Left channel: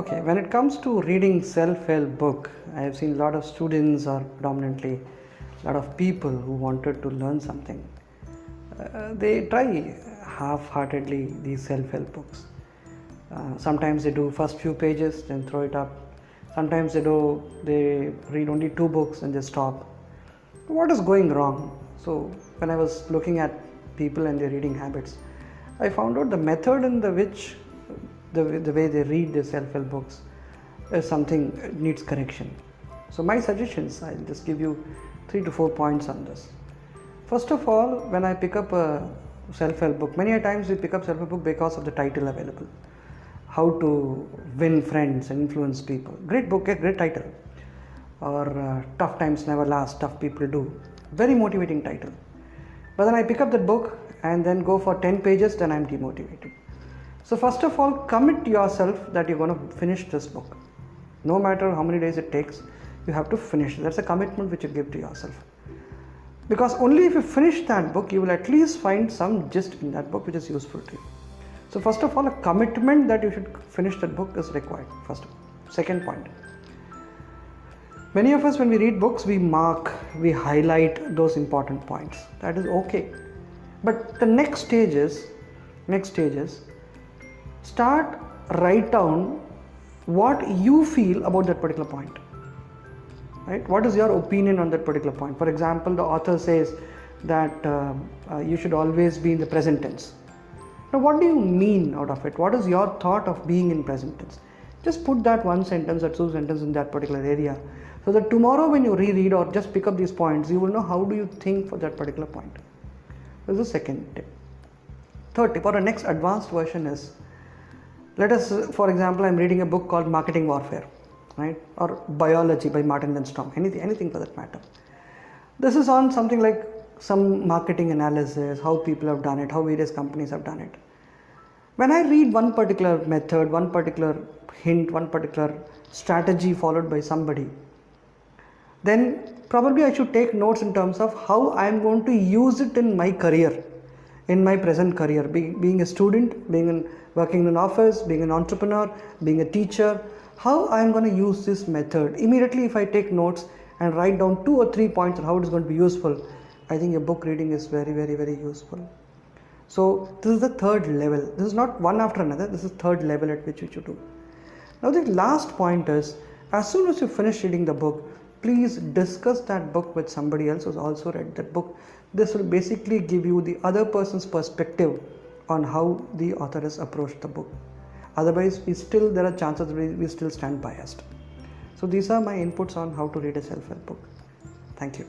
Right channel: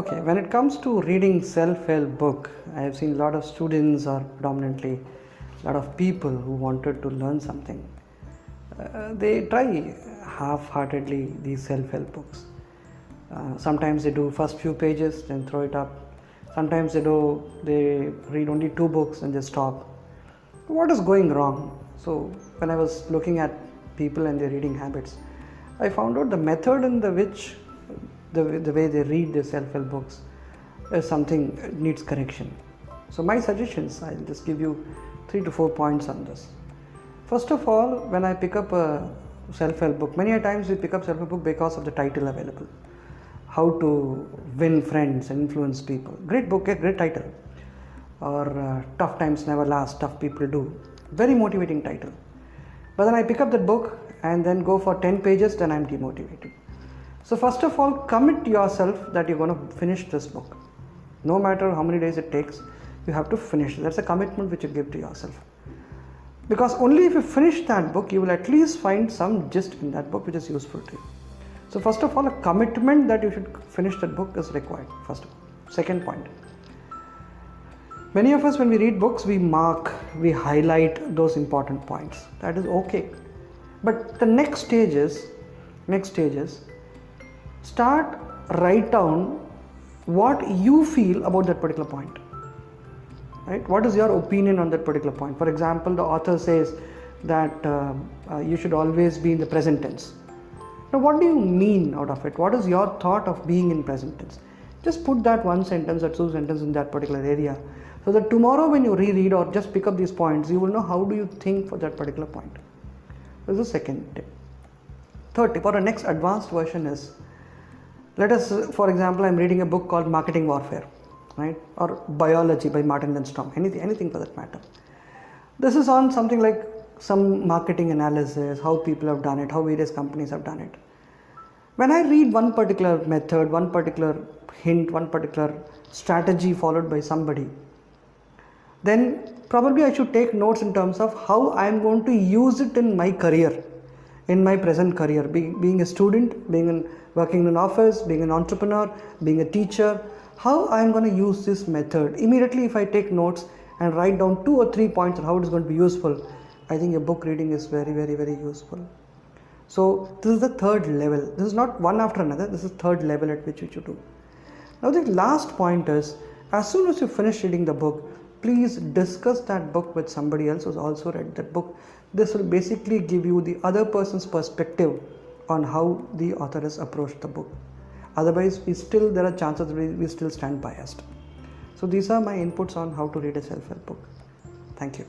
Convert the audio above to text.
Okay, when it comes to reading self-help book, I have seen a lot of students or predominantly a lot of people who wanted to learn something. They try half-heartedly these self-help books. Sometimes they do first few pages, then throw it up. Sometimes they read only 2 books and just stop. What is going wrong? So when I was looking at people and their reading habits, I found out the method in which the way they read the self-help books is something that needs correction. So my suggestions, I'll just give you 3 to 4 points on this. First of all, when I pick up a self-help book, many a times we pick up self-help book because of the title available. How to win friends and influence people. Great book, a great title. Or tough times never last, tough people do. Very motivating title. But then I pick up the book and then go for 10 pages, then I'm demotivated. So first of all, commit yourself that you're going to finish this book. No matter how many days it takes, you have to finish. That's a commitment which you give to yourself. Because only if you finish that book, you will at least find some gist in that book which is useful to you. So first of all, a commitment that you should finish that book is required. Second point. Many of us, when we read books, we mark, we highlight those important points. That is okay. But the next stage is, write down what you feel about that particular point. Right? What is your opinion on that particular point? For example, the author says that you should always be in the present tense. Now, what do you mean out of it? What is your thought of being in present tense? Just put that 1 sentence or 2 sentences in that particular area, so that tomorrow when you reread or just pick up these points, you will know how do you think for that particular point. This is the second tip. Third tip, or a next advanced version is, let us, for example, I'm reading a book called Marketing Warfare, right? Or Biology by Martin and Storm, anything for that matter. This is on something like some marketing analysis, how people have done it, how various companies have done it. When I read one particular method, one particular hint, one particular strategy followed by somebody, then probably I should take notes in terms of how I am going to use it in my career, in my present career, being a student, working in an office, being an entrepreneur, being a teacher, how I am going to use this method. Immediately if I take notes and write down 2 or 3 points on how it is going to be useful, I think a book reading is very, very, very useful. So this is the third level. This is not one after another. This is third level at which you should do. Now the last point is, as soon as you finish reading the book, please discuss that book with somebody else who's also read that book. This will basically give you the other person's perspective on how the author has approached the book. Otherwise, there are chances we still stand biased. So these are my inputs on how to read a self-help book. Thank you.